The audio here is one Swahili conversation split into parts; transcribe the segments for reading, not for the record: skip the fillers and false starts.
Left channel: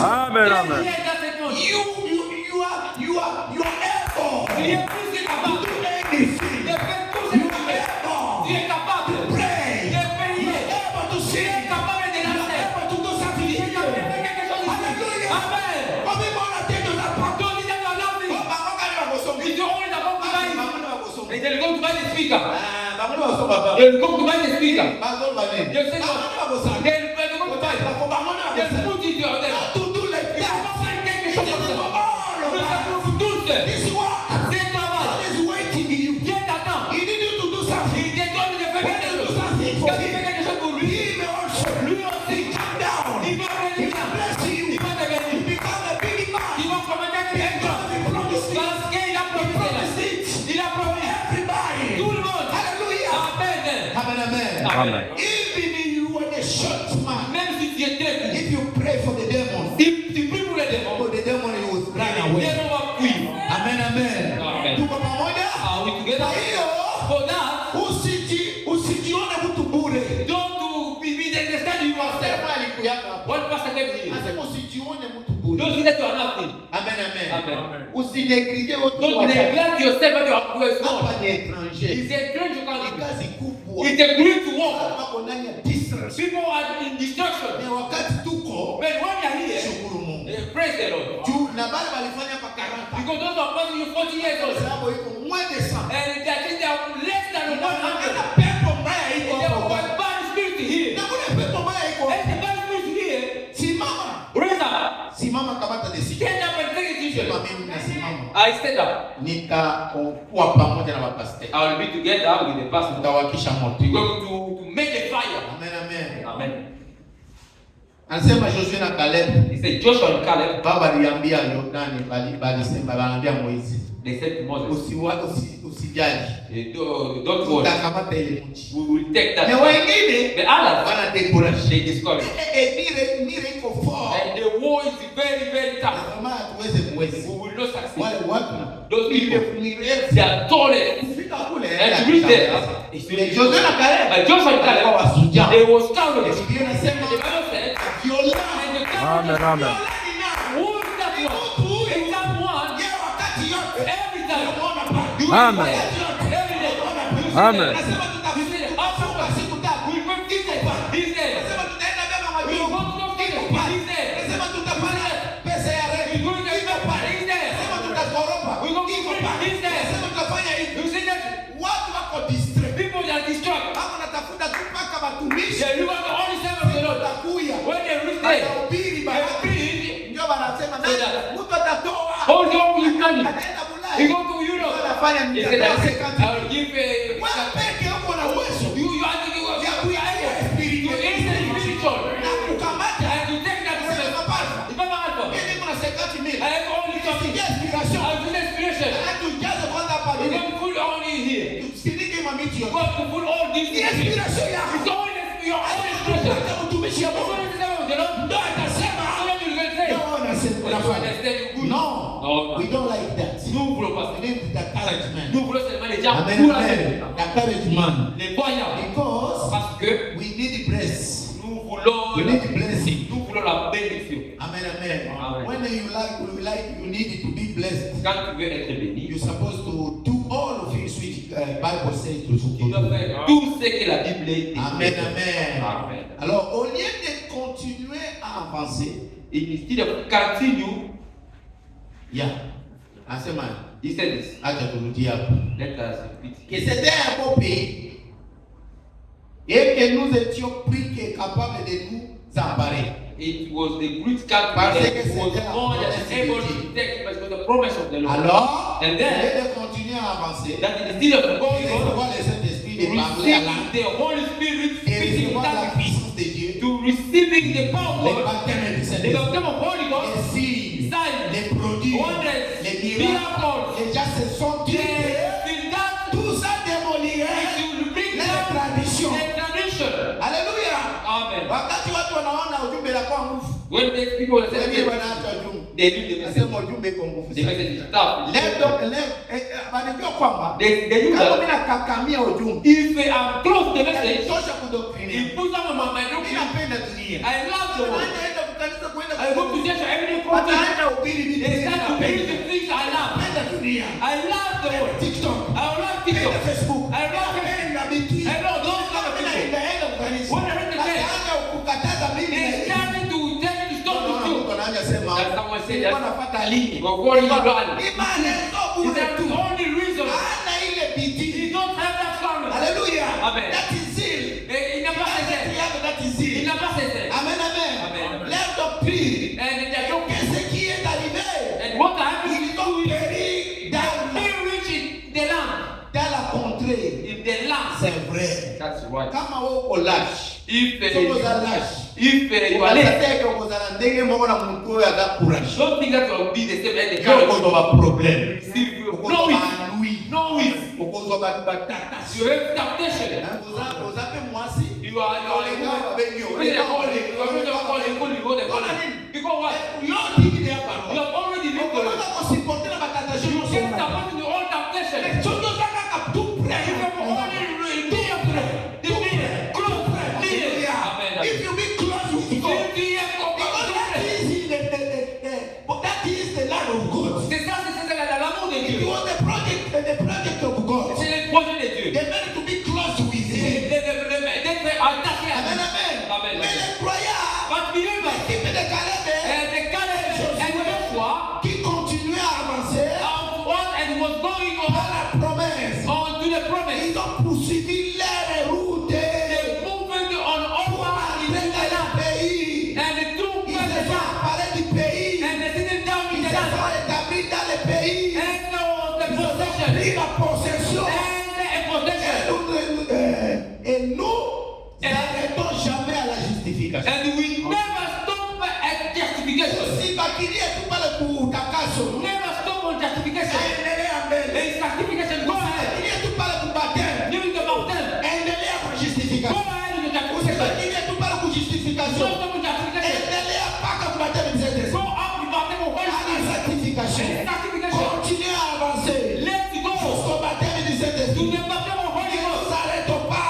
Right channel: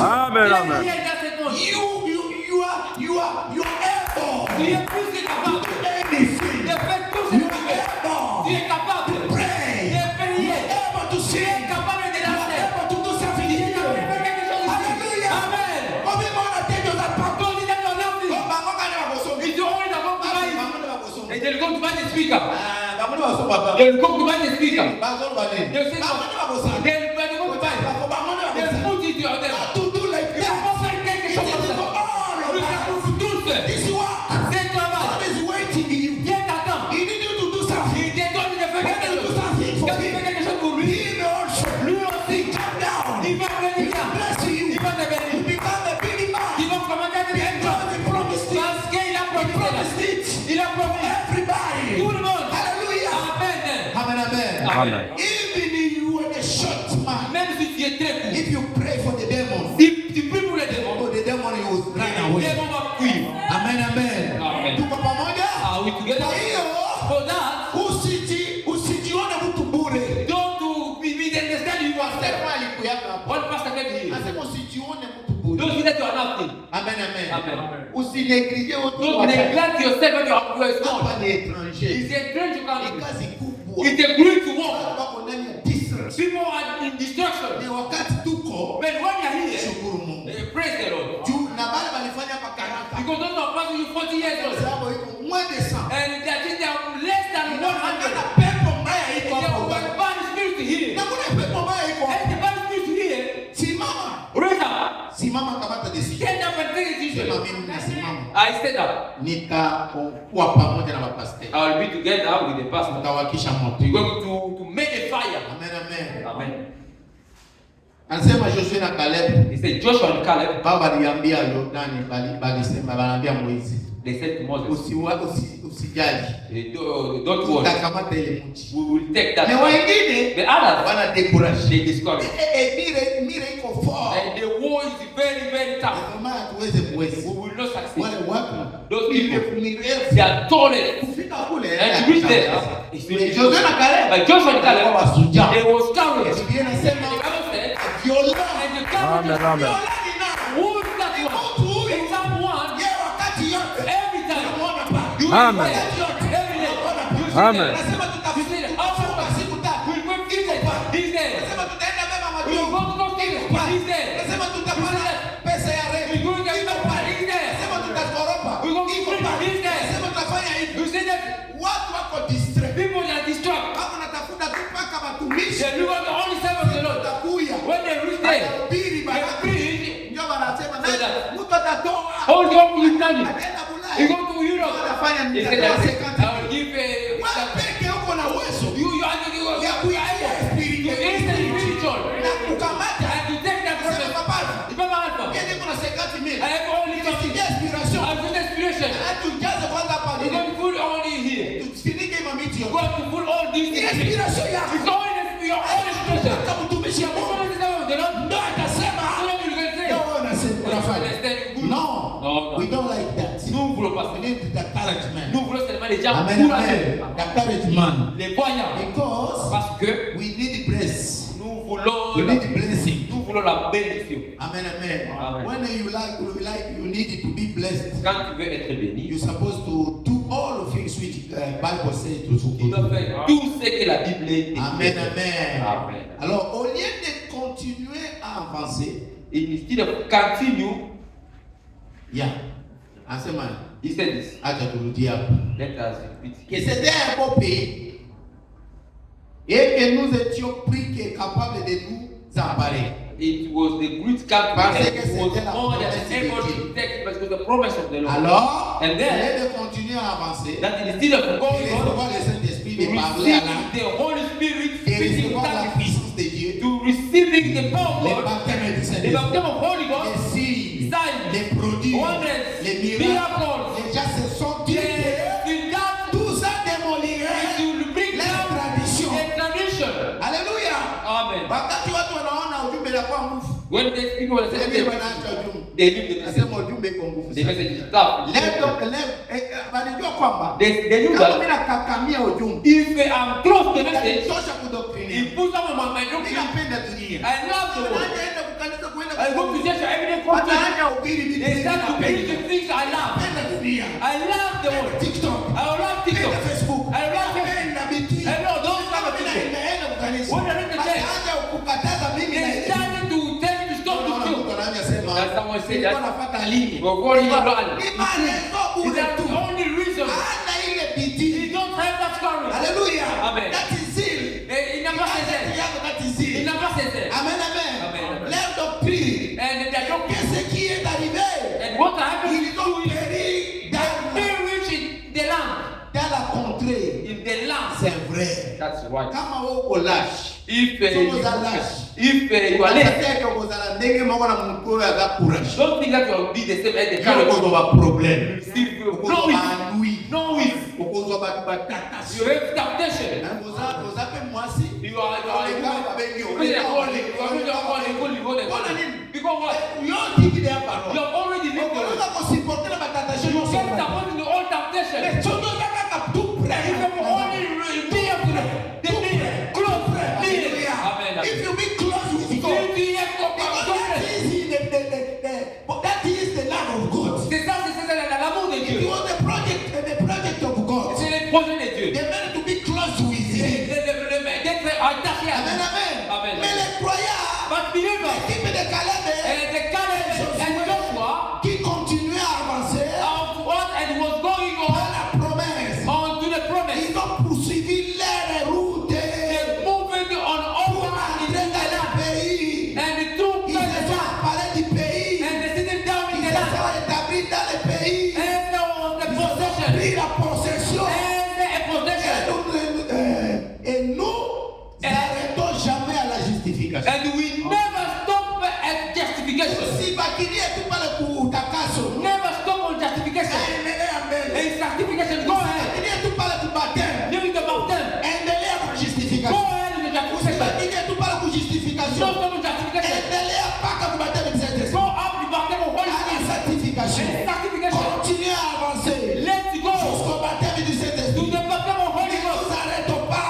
Amen, amen. You are able. Tu es capable de prier, de prier, de sing, capable de danser, de tout ça. Amen. Et le compte va t'expliquer. Et le compte va t'expliquer. Amen. Even if you were a short man, même si tu es très court, if you pray for the devil, if tu pries pour le démon, the devil will run away. Amen, amen. Tuko pamoja? We together. Kwa hiyo, for that, usijione mtu bure. Don't be understand you yourself. One pastor gave me. Anasema usijione mtu bure. Don't see that you are nothing. Amen, amen. Usineglige watu. Don't neglect yourself when you are small. Hapa ni étranger. Is a strange country. Kazi kubwa. It's a great work. People are in destruction. When you are here, praise the Lord. Because those of us you 40 years old, and that is less than 100. There was a bad spirit here. And the bad spirit here, raise up. Stand up and take a decision. I stand up. I will be together with the pastor. We're going to make a fire. Amen, amen. Amen. Anasema Joshua na Caleb. He said Joshua and Caleb. Baba aliambia Yordani balisema banaambia Moizi. They said to Moses. Usijali. Don't worry. Tutakamata ile nchi. We will take that. Na wengine the others wana decourage. They discourage. Mire iko fort. And the war is very very tough. Kama tuweze mwezi. We will not succeed. Wale watu those people they are tolerant. Kufika kule. And to reach there. Joshua na Caleb. But Joshua and Caleb wasuja. They was cowards. Amen, amen. Amen. Amen. Hold on to his money. He go to Europe. He's going to give a... You are spiritual. And you take that problem. Remember Alpha? I have only talking. I have inspiration. You're going to put only here. You're going to put all these things. It's all your own expression. We don't like that. Nous voulons pas. We need the encouragement. Nous voulons seulement les gens encourager. Encouragement. Les poignards. Because parce que we need bless. Nous voulons. We need blessing. Nous voulons la bénédiction. Amen, amen. Amen. When you need to be blessed. Quand tu veux être béni, you're supposed to do all of things which Bible says to do. Tu dois faire tout ce que la Bible dit. Amen, amen. Amen. Alors, au lieu de continuer à avancer, instead of continue. Yeah. Asema, he said this. Acha turudia hapo. Let us repeat. Que c'était un beau pays et que nous étions pris capables de nous emparer. It was the great country that was more than able to take because the promise of the Lord. Alors, and then de continuer à avancer. That instead of going on, le Saint-Esprit de parler à l'âme. The Holy Spirit speaking la puissance de Dieu. To receiving the power. Le baptême du Saint-Esprit. The baptême of Holy Ghost. Les produits, les miracles, déjà se sont tirés. Tout ça démolirait les traditions. Alléluia. Amen. Wakati watu wanaona ujumbe la kwa nguvu. When they speak on the Sasa same hivi day, wanaacha ujumbe. they leave the message. Nasema ujumbe iko nguvu The sana. message is tough. Wanajua kwamba They knew kama that mimi nakakamia ujumbe, if they are close to the message, tosha kudoktrinia. it puts them on my Mimi doctrine. napenda dunia. I love the world. Wanaenda kukanisa kuenda I go to church every day. wanaenda ubiri vitu They start to believe napenda. the things I love. Napenda dunia. I love the world. TikTok. I love Napenda TikTok. Facebook. I love it. Napenda BT. I love those kind of Mimi people. naenda kukanisa. When I read the text, Hata ukukataza mimi they naenda. started to tell you to stop to steal. Mtu anaanza sema, As someone said, "Nilikuwa nafuata lini?" Go go in the run. Imani sio Is bure that tu. the only reason? Hana ile BT. You don't have that courage. Hallelujah. Amen. That is zeal. In the passage, Yeah, that is zeal. in the passage, Amen, amen. Amen, amen. Leur doctrine. and they don't. Qu'est-ce qui est arrivé? And what happened? Ils ont péri They reach in the land. dans la contrée. In the land. C'est vrai. That's right. Kama wewe uko lâche, If uko za lâche. you are late, Unataka kuongozana ndege moko na mko ya courage. don't think that you will be the same as the Kama courage. uko na problem. See, you Uko know na it. lui. Know it. Uko na batata. You have temptation. Uzape mwasi. You are Because because what? you don't think they are power. You have already lived the Unaweza life. kusipotea batata You shino can't sema. stop in the old temptation. Chocho kaka tu If you only be up to the minute, close the minute. Amen. If you be close with If God, you be a because that God, is the land of God. c'est ça, c'est l'amour de It Dieu. was the project of God. C'est le projet de Dieu. They meant to be close with Him. D'être attaché à Amen, Dieu. amen. Amen. Mais les croyants, But believers, l'équipe de Caleb, the Caleb and Joshua, qui continuaient à avancer and was going dans on la promesse, to the promise. ils ont poursuivi leur route They moved on pour over arriver in the dans land. le pays. And they took Ils the se sont land. emparés du pays. And they sitting down in Ils the se land. sont établis dans le pays. And there was the Ils ont possession. pris la possession. And a possession. Et nous n'arrêtons jamais à la justification. And we never stop at justification. Si bakilia tu pale kutakaso, Never stop on justification. endelea mbele. In sanctification, go ahead. Bakilia tu pale kubaptême, Give it about them. endelea kwa Go justification. ahead with the justification. Bakilia tu pale Don't kujustification, stop with justification. endelea mpaka kubaptême de Saint-Esprit. Go up with baptism of Holy À la Spirit. sanctification. Sanctification. Continue à avancer. Let's go Jusqu'au baptême du to Saint-Esprit. the baptism of Holy Ne Ghost. nous arrêtons pas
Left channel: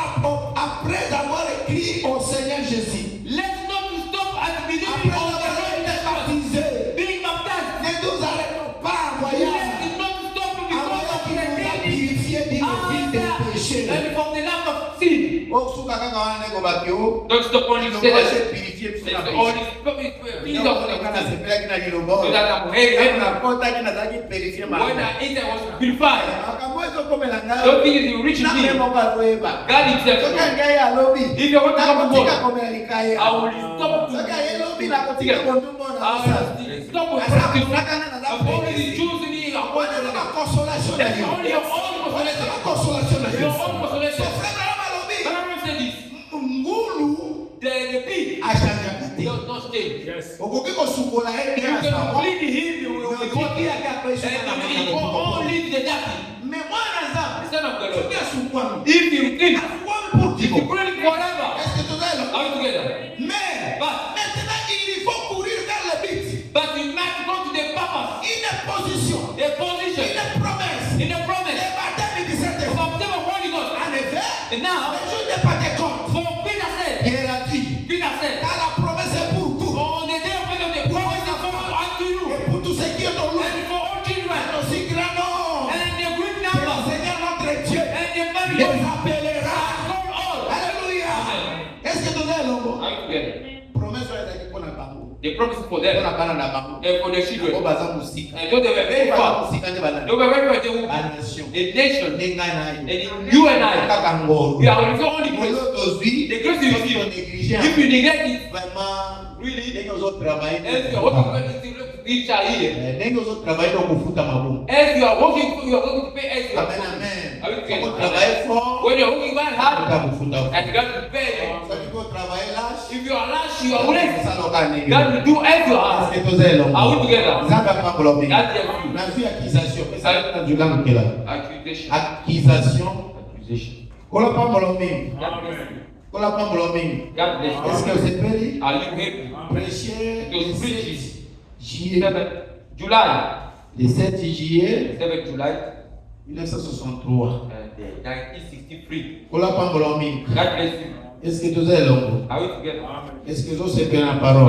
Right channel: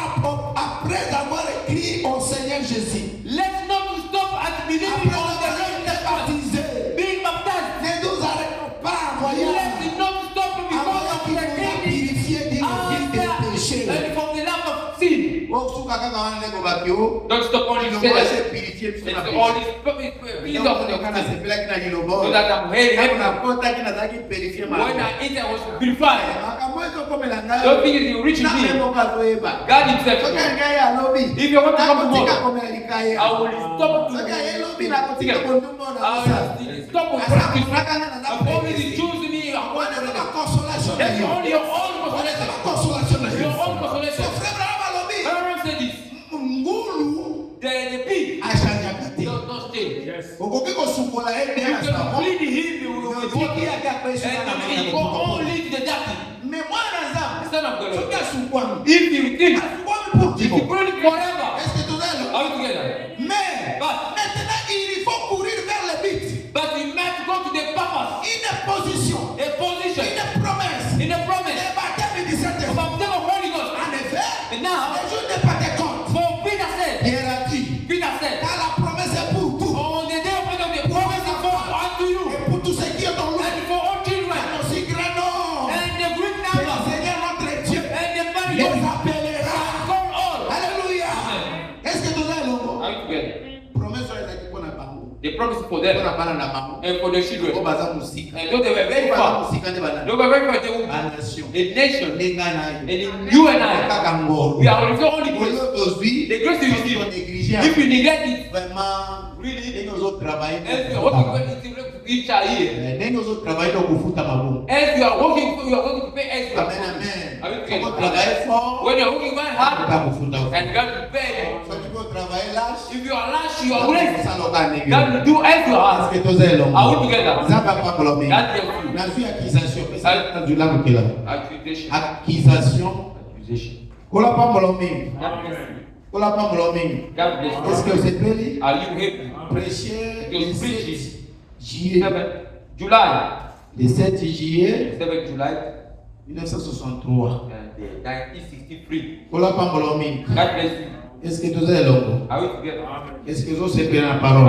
après avoir écrit au Seigneur Jésus. Let's not stop at believing Après on the avoir Lord été Jesus. baptisé. Being baptized. Ne nous arrêtons pas en voyant. Let's not stop because Avant of qu'il the nous a sin. purifié d'une vie de péché. And from the land of sin. Osuka kaka wana ndeko bakio. Don't stop on his Ilongo status. se purifié It's biso na all péché. his peace Ilongo of the kana sin. sepela kina ilongo. So that I'm very Kama happy. nakota kina zaki purifié When malamu. I eat, I was purified. Makamwezo komela Don't ngayo. think it's rich in Na me. memo kazoeba. God himself. Soka ngai alobi. If you want to Na come to kotika God, komela likaya. I will stop to Soka yelobi na kotika kondumo na I musa. will stop with Asa practice. kufakana na I've already zapo. chosen me. Wana na consolation na That's yo. only your own consolation. Consolation na yo. Your own consolation. Frère Alobi. Everyone said this. Ngulu The pig ashanga te. does not stay. Okoki kosukola ye You bien na can sabo. bleed him with Okoki water. yake apesha na And he will mwana. only the dirty. Mais mwana za. The son of the Soki Lord. asukwami. If you think, Asukwami pour if you Dieu. pray forever, Est-ce que tout est là? are we together? Mais maintenant il faut courir vers le but. But you must go to the purpose, Une position. a position, Une promesse. in the promise Le baptême du of Saint-Esprit. baptism of Holy Ghost. En effet, And now, les jours de Pentecôte, for Peter said, Pierre a dit, Peter said, car la promesse est pour tout. on the day of Pentecost, the promise is for unto you Et pour tous ceux qui ont and loué. for all children Aussi grand nom. and the great Que le number Seigneur notre Dieu and the many les nations appellera. call all. Alléluia. Est-ce que tout est là? Are we together? Promesse est pour la bango. The promise for Pour them la banane la bango. and for the children. Au bazar musique. And though they were very Au bazar far, musique ande banane. they were very far, they will La be nation. a nation. Ninga na And ye. you and I, Kaka ngoro. we are only only grace. Aujourd'hui, The grace you on receive. néglige. If you neglect it, Vraiment, really, ndenge ozotravaille as you are working to reach out here, ndenge ozotravaille to kufuta mabomu. as you are working, you are going to pay extra. Amen, amen. Are we together? Ozotravaille fort, When you are working very hard utakufuta. and God will pay you. Soki kotravaille lâche, If you are lash, you are blessed. saloka ndenge. God will do as you Est-ce ask. que tozelo? Are we together? Nzambe akakoloba mingi. That's the truth. Nazwi accusation. Pesa tajula mokela. Accusation. Accusation. Accusation. Kola pa molo mingi. That's the truth. God bless Est-ce you. que vous êtes prêts? Are you happy? Prêcher Your le 7 speech is juillet. 7 July. Le 7 juillet 7 July 1963. 1963. God God bless you. Est-ce que vous êtes là? Are we together? Est-ce que vous êtes la parole?